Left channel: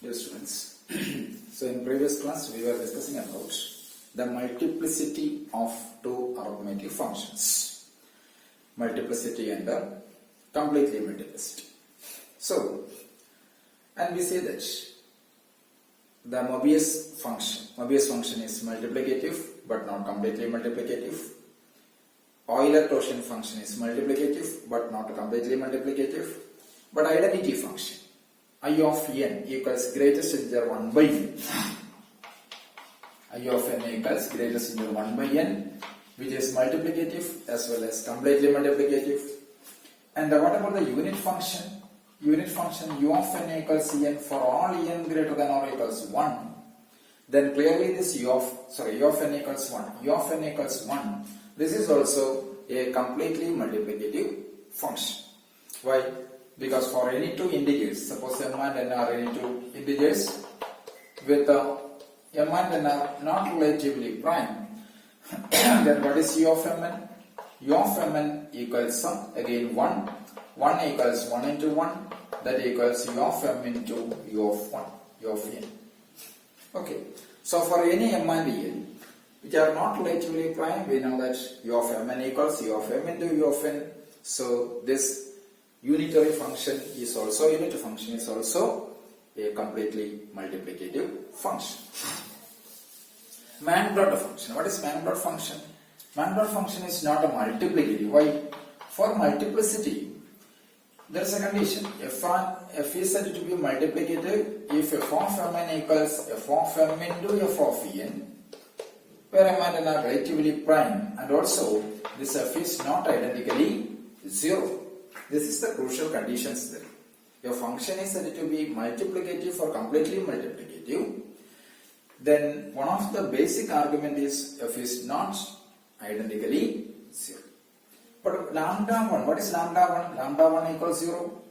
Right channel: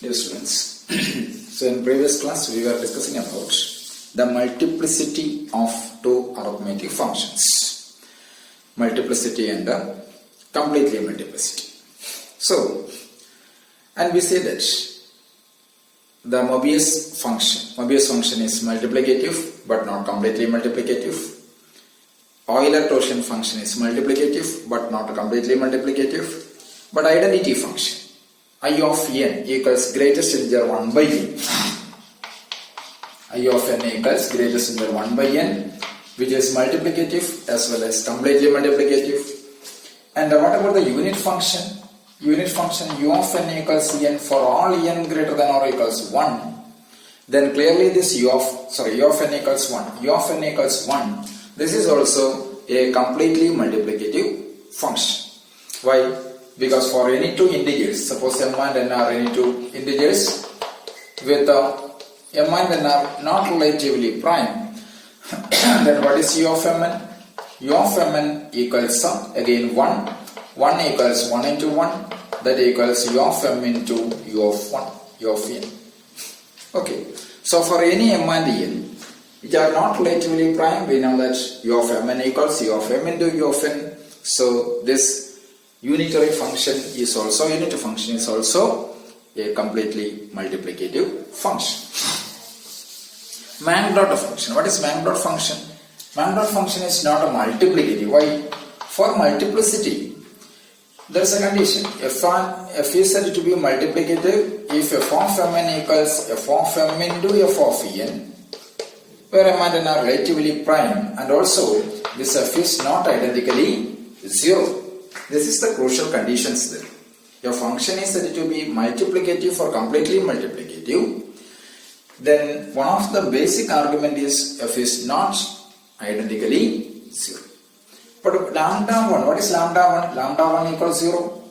Dear students, so in previous class we were discussing about the multiplicity of two arithmetic functions, multiplicity and completely multiplicity. So, and we say that the Mobius function is multiplicative but not completely multiplicative. Euler-Torsion function is multiplicative but not completely multiplicative. But identity function I of n equals greatest integer 1 by n. I of n equals greatest integer 1 by n, which is multiplicative as well as completely multiplicative. And what about the unit function? Unit function u of n equals n for all n greater than or equals 1. Then clearly this u of n equals 1. U of n equals 1. This is also a completely multiplicative function. Why? Because for any two integers, suppose m and n are any two integers with m and n are not relatively prime, then what is u of mn? U of mn equals again 1. 1 equals 1 into 1, that equals u of m into u of 1, u of n. Okay, so for any m and n which are not relatively prime, we know that u of mn equals u of m into u of n. So this unitary function is also a completely multiplicative function. Mank-Dot function. What is Mank-Dot function? Mank-Dot function is not a multiplicative. Why? For multiplicity, there is a condition. F is said to be multiplicative if f of mn equals f of m into f of n, where m and n are relatively prime, and also this f is not identically 0. This is the crucial conditions there. Your function is said to be multiplicative or completely multiplicative. Then one of the basic argument is f is not identically 0. But lambda 1, what is lambda 1? Lambda 1 equals 0.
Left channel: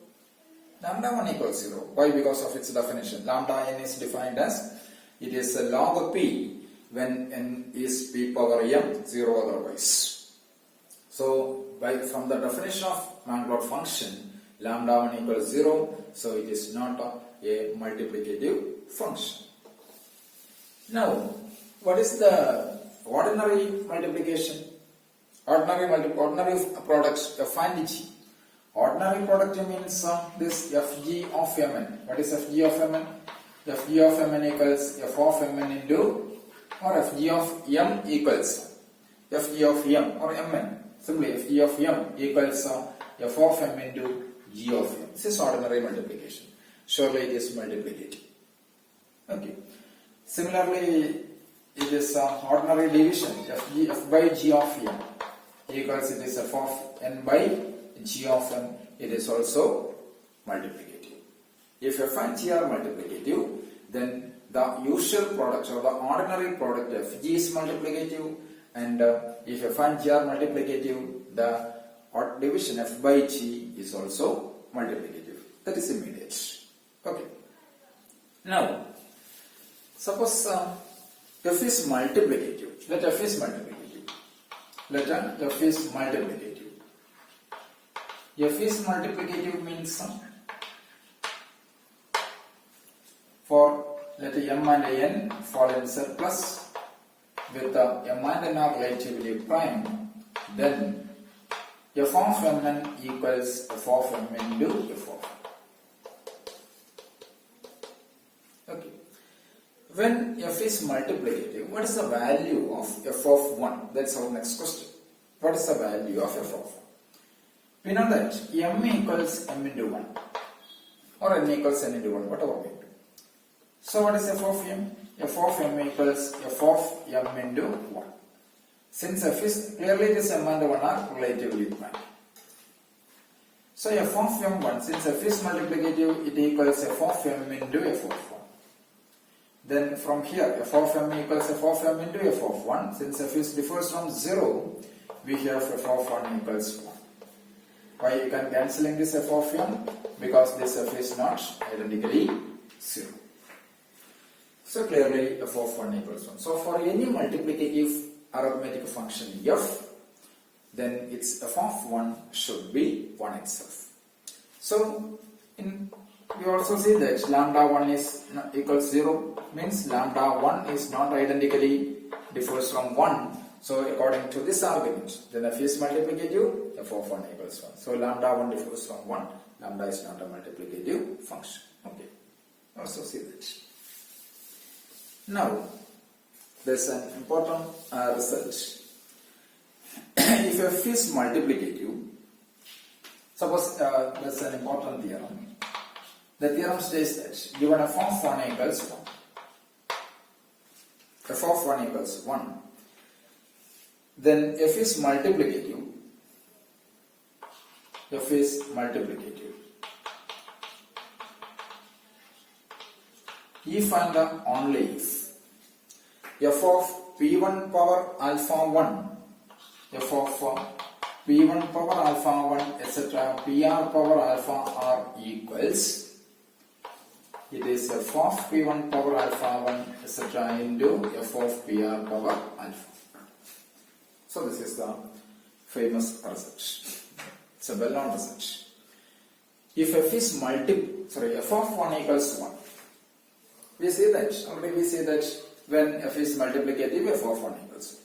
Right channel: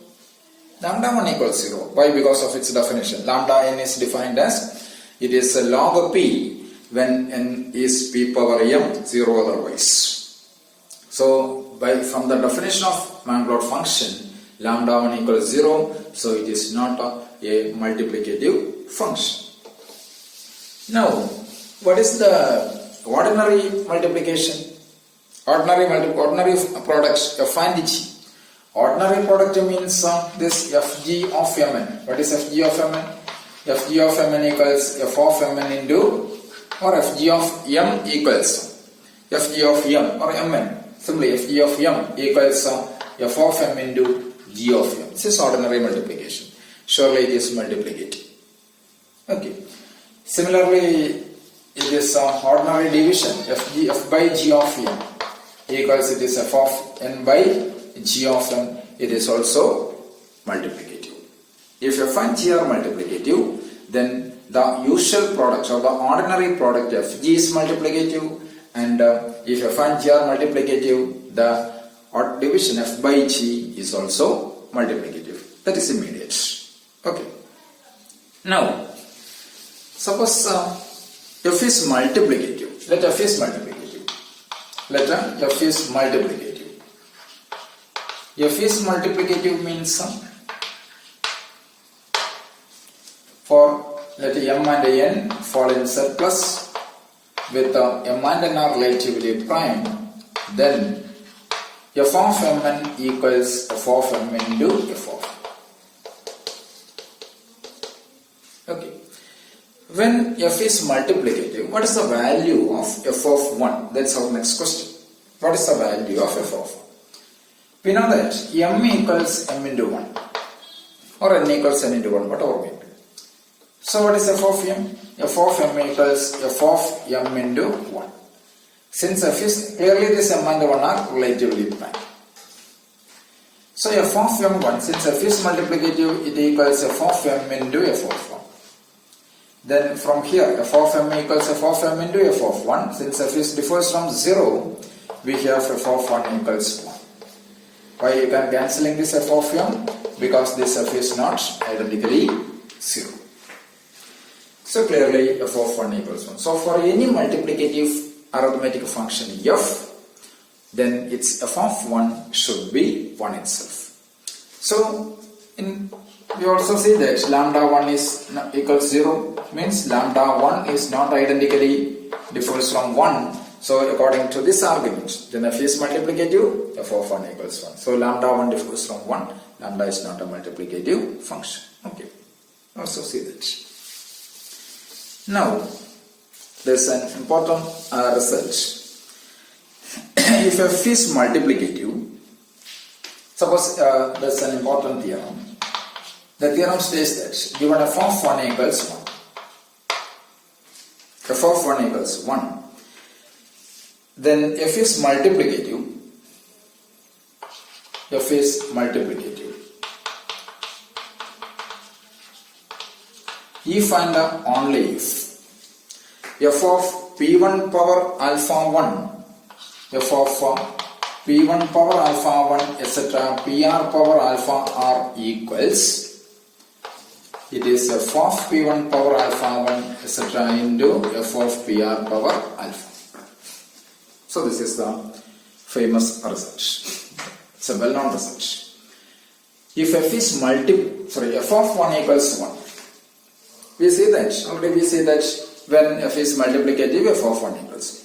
Lambda 1 equals 0. Why? Because of its definition. Lambda n is defined as it is a log of p when n is p power m, 0 otherwise. So from the definition of Mank-Dot function, lambda 1 equals 0, so it is not a multiplicative function. Now, what is the ordinary multiplication? Ordinary products, f and g. Ordinary product means this fg of mn. What is fg of mn? Fg of mn equals f of mn into, or fg of m equals fg of m or mn. Simply fg of m equals f of m into g of m. This is ordinary multiplication. Surely it is multiplicative. Okay. Similarly, it is ordinary division. F by g of m equals it is f of n by g of m. It is also multiplicative. If f and g are multiplicative, then the usual product or the ordinary product fg is multiplicative. And if f and g are multiplicative, the odd division f by g is also multiplicative. That is immediate. Okay. Now, suppose f is multiplicative. Let f is multiplicative. Let f is multiplicative. F is multiplicative means for let m and n fall in surplus with m and n are relatively prime, then f of mn equals f of m into f of. Okay. When f is multiplicative, what is the value of f of 1? That's our next question. What is the value of f of 1? We know that m equals m into 1 or n equals n into 1, whatever may be. So what is f of m? F of m equals f of m into 1. Since f is clearly this m and 1 are relatively prime. So f of m1, since f is multiplicative, it equals f of m into f of 1. Then from here, f of m equals f of m into f of 1. Since f is differs from 0, we have f of 1 equals 1. Why you can cancelling this f of m? Because this f is not identically 0. So clearly f of 1 equals 1. So for any multiplicative arithmetic function f, then its f of 1 should be 1 itself. So in we also see that lambda 1 is equals 0, means lambda 1 is not identically differs from 1. So according to this argument, then f is multiplicative, f of 1 equals 1. So lambda 1 differs from 1, lambda is not a multiplicative function. Okay, also see that. Now, there's an important result. If f is multiplicative, suppose that's an important theorem. The theorem states that given f of 1 equals 1, f of 1 equals 1, then f is multiplicative. F is multiplicative if and only if f of p1 power alpha 1, f of p1 power alpha 1, etc. pr power alpha r equals, it is f of p1 power alpha 1, etc. into f of pr power alpha. So this is the famous result. It's a well-known result. If f is f of 1 equals 1, we see that, already we see that when f is multiplicative, f of 1 equals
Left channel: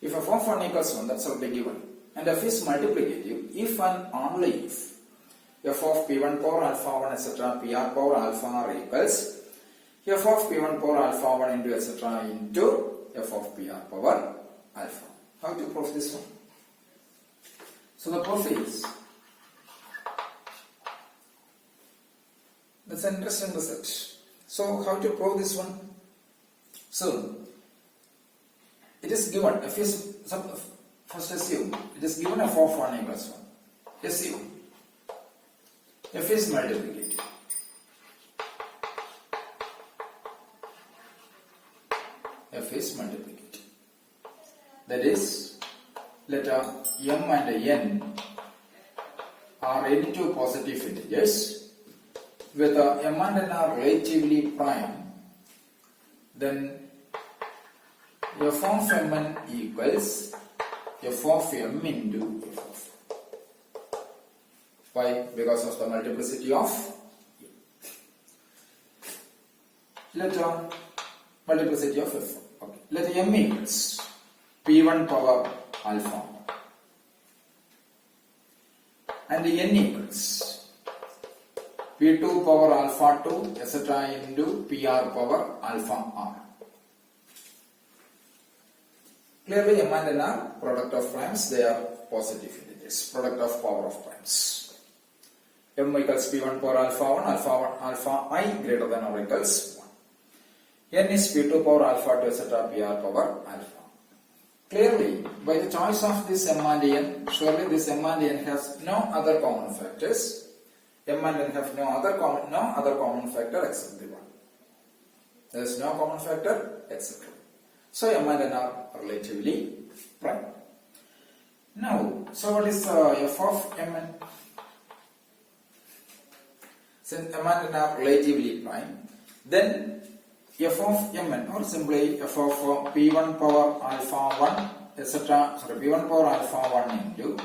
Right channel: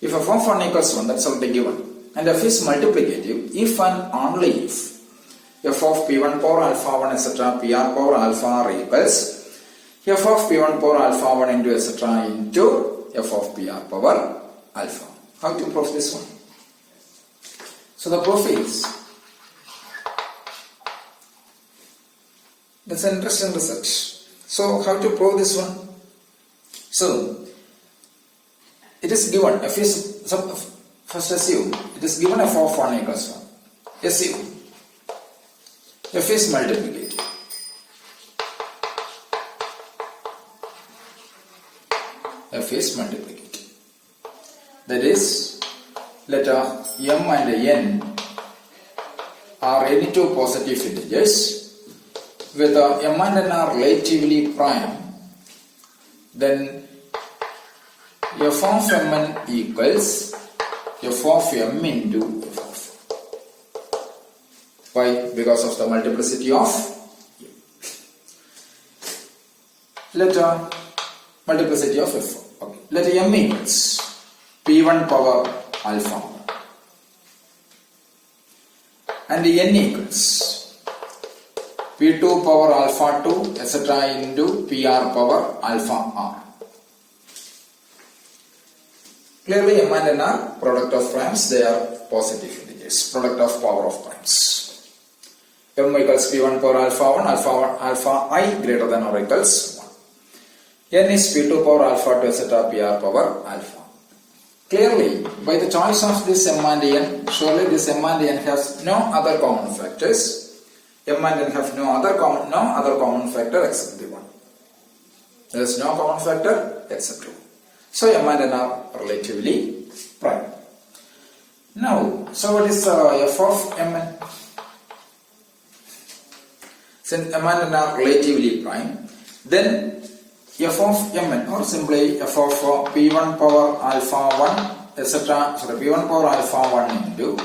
1. If f of 1 equals 1, that's already given. And f is multiplicative if and only if f of p1 power alpha 1, etc. pr power alpha r equals f of p1 power alpha 1 into etc. into f of pr power alpha. How to prove this one? So the proof is, that's an interesting result. So how to prove this one? So it is given f is, first assume it is given f of 1 equals 1. Assume f is multiplicative. F is multiplicative. That is, let m and n are any two positive integers with m and n are relatively prime, then f of mn equals f of m into f of. Why? Because of the multiplicity of m. Let multiplicity of f. Okay. Let m equals p1 power alpha and n equals p2 power alpha 2, etc. into pr power alpha r. Clearly m and n are product of primes, they are positive integers, product of power of primes. M equals p1 power alpha 1, alpha I greater than or equals 1. N is p2 power alpha 2, etc. pr power alpha. Clearly, by the choice of this m and n, surely this m and n has no other common factors. M and n have no other common factor except the 1. There is no common factor except 2. So m and n are relatively prime. Now, so what is f of mn? Since m and n are relatively prime, then f of mn, or simply f of p1 power alpha 1, etc. p1 power alpha 1 into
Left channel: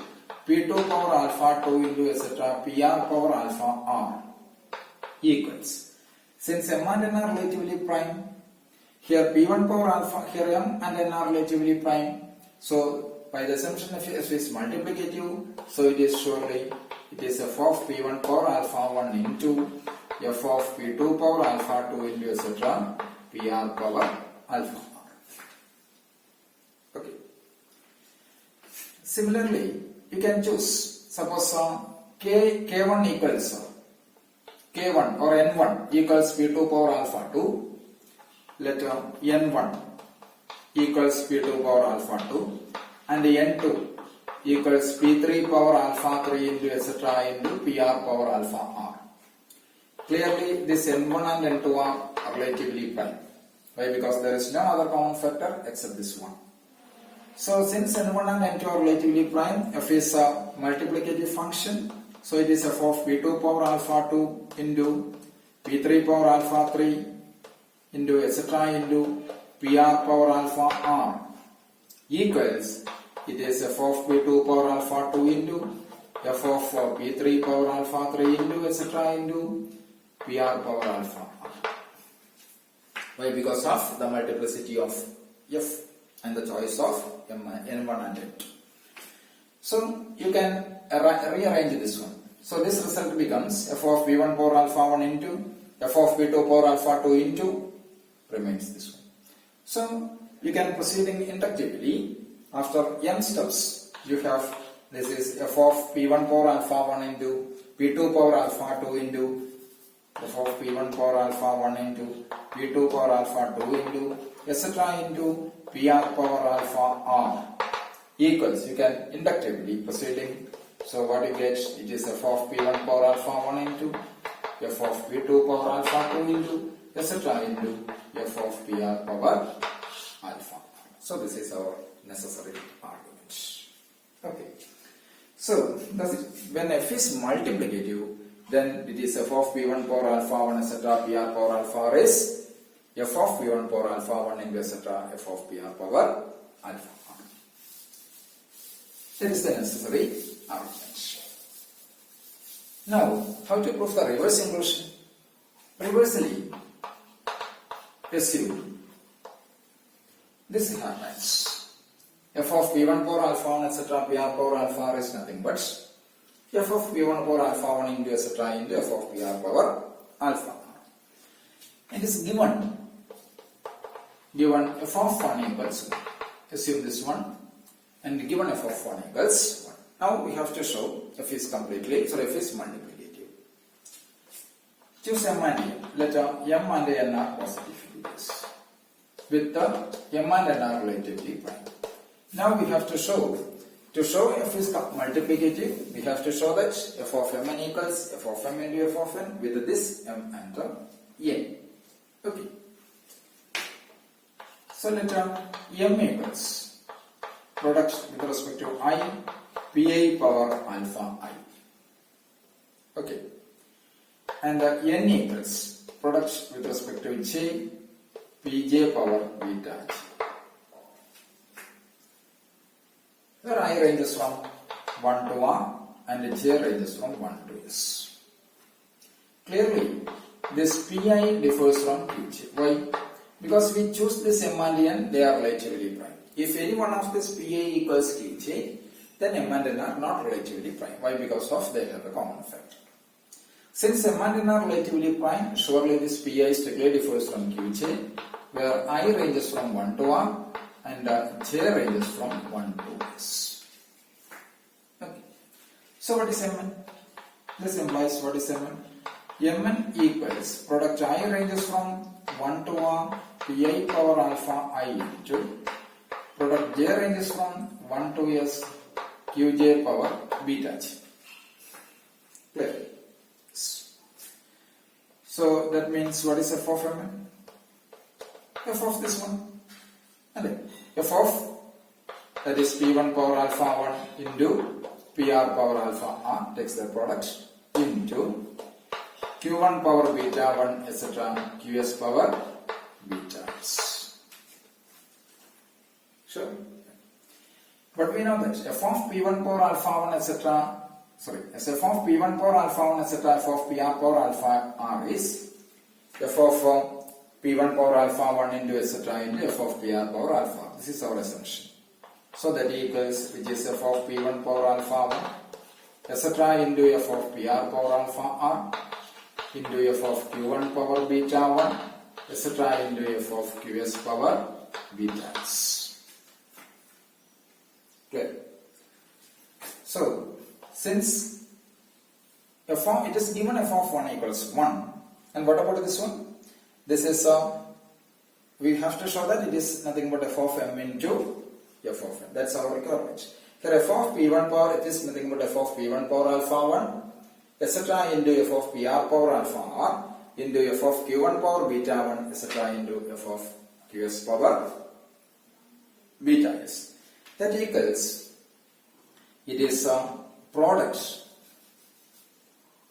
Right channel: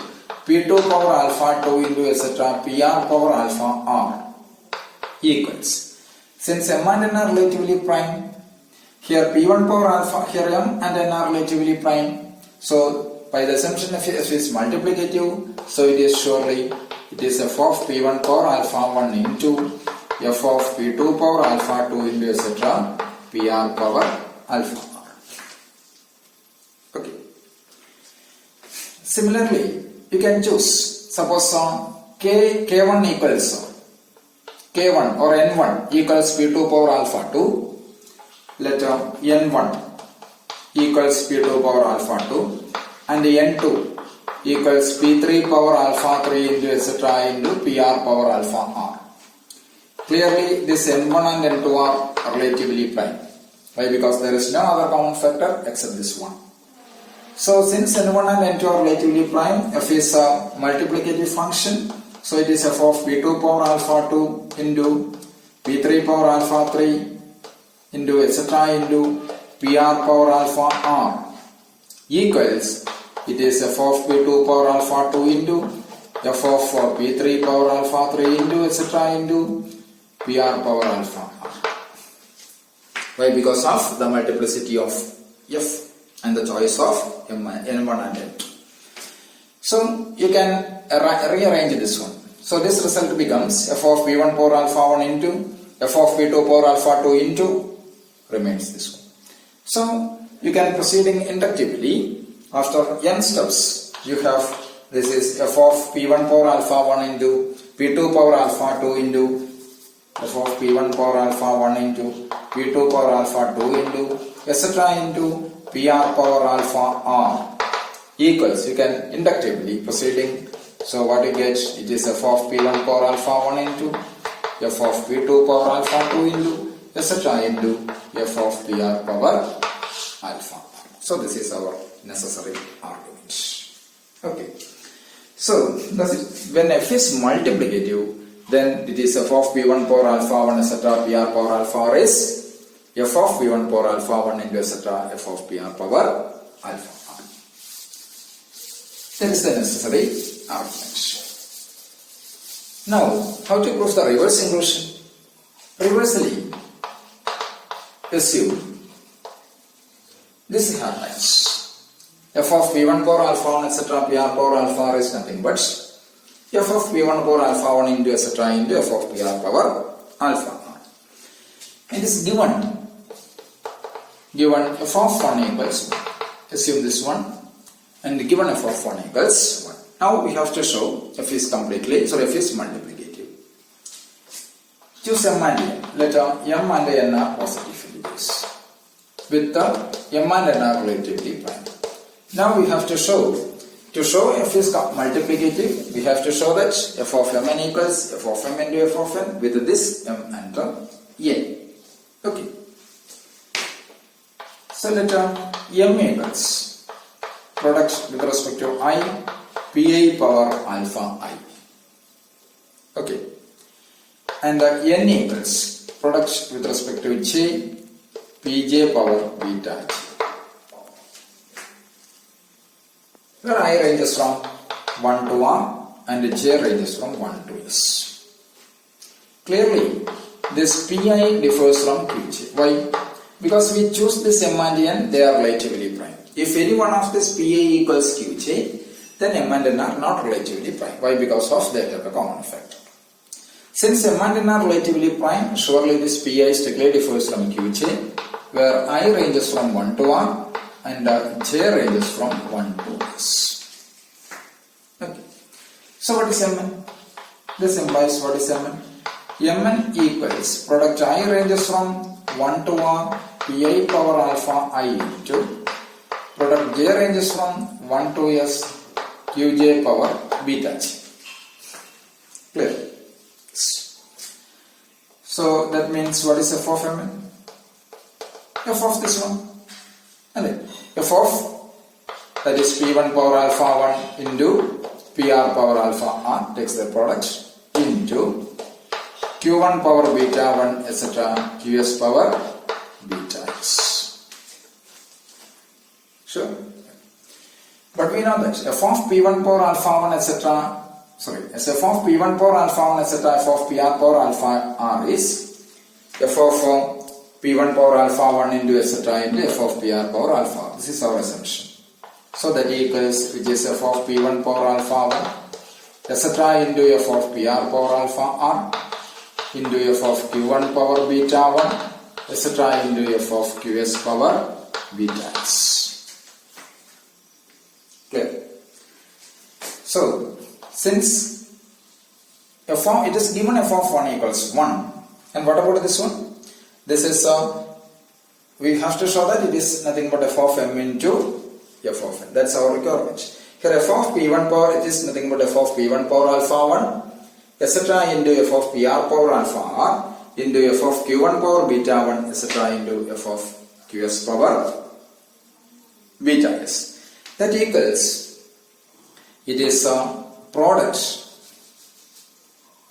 p2 power alpha 2 into etc. pr power alpha r equals. Since m and n are relatively prime, here p1 power alpha, here m and n are relatively prime. So by the assumption of f is multiplicative, so it is surely f of p1 power alpha 1 into f of p2 power alpha 2 into etc. pr power alpha r. Okay. Similarly, you can choose, suppose k1 equals k1 or n1 equals p2 power alpha 2. Let n1 equals p2 power alpha 2 and n2 equals p3 power alpha 3 into etc. into pr power alpha r. Clearly this n1 and n2 are relatively prime. Why? Because there is no other common factor except this one. So since n1 and n2 are relatively prime, f is a multiplicative function. So it is f of p2 power alpha 2 into p3 power alpha 3 into etc. into pr power alpha r equals, it is f of p2 power alpha 2 into f of p3 power alpha 3 into etc. into PR power alpha r. Why? Because of the multiplicity of f and the choice of n1 and n2. So you can rearrange this one. So this result becomes f of p1 power alpha 1 into f of p2 power alpha 2 into remains this one. So you can proceeding inductively after n steps. You have this is f of p1 power alpha 1 into p2 power alpha 2 into f of p1 power alpha 1 into p2 power alpha 2 into etc. into pr power alpha r equals, you can inductively proceeding. So what you get, it is f of p1 power alpha 1 into f of p2 power alpha 2 into etc. into f of pr power alpha. So this is our necessary argument. Okay. So when f is multiplicative, then it is f of p1 power alpha 1 etc. pr power alpha r is f of p1 power alpha 1 into etc. f of pr power alpha r. That is the necessary argument. Now, how to prove the reverse inclusion? Reversely, assume this happens. F of p1 power alpha 1 etc. pr power alpha r is nothing but f of p1 power alpha 1 into etc. into f of pr power alpha r. And is given f of 1 equals 1. Assume this one. And given f of 1 equals 1. Now we have to show f is multiplicative. Choose m and n. Let m and n are positive integers with the m and n are relatively prime. Now we have to show f is multiplicative, we have to show that f of mn equals f of m into f of n with this m and n. Okay. So let m equals product with respect to I, pi power alpha I. Okay. And n equals product with respect to j, pj power beta j. Where I ranges from 1 to r and j ranges from 1 to s. Clearly, this pi differs from qj. Why? Because we choose this m and n, they are relatively prime. If any one of this pi equals qj, then m and n are not relatively prime. Why? Because of they have a common factor. Since m and n are relatively prime, surely this pi strictly differs from qj, where I ranges from 1 to r and j ranges from 1 to s. Okay. So what is mn? This implies what is mn? Mn equals product I ranges from 1 to r pi power alpha I into product j ranges from 1 to s qj power beta j. Clear? So that means what is f of mn? F of this one. And then f of that is p1 power alpha 1 into pr power alpha r takes the product into q1 power beta 1 etc. qs power beta s. Sure. But we know that f of p1 power alpha 1 etc. as f of p1 power alpha 1 etc. f of pr power alpha r is f of p1 power alpha 1 into etc. into f of pr power alpha. This is our assumption. So that equals, which is f of p1 power alpha 1 etc. into f of pr power alpha r into f of q1 power beta 1 etc. into f of qs power beta s. Clear? So, since it is given f of 1 equals 1, and what about this one? This is, we have to show that it is nothing but f of m into f of n. That's our requirement. Here f of p1 power, it is nothing but f of p1 power alpha 1 etc. into f of pr power alpha r into f of q1 power beta 1 etc. into f of qs power beta s. That equals, it is a product,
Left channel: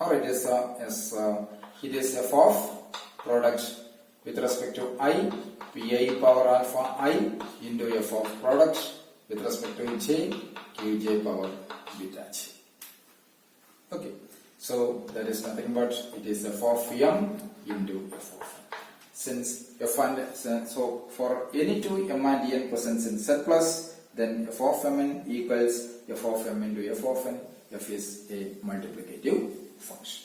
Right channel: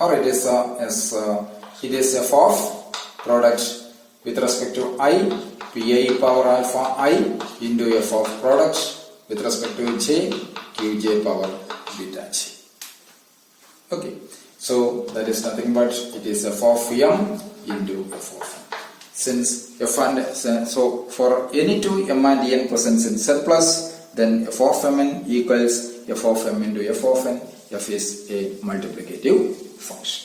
or it is f of product with respect to I, pi power alpha I into f of product with respect to j, qj power beta j. Okay. So that is nothing but it is f of m into f of n. Since f and so for any two m and n presents in surplus, then f of mn equals f of m into f of n. F is a multiplicative function.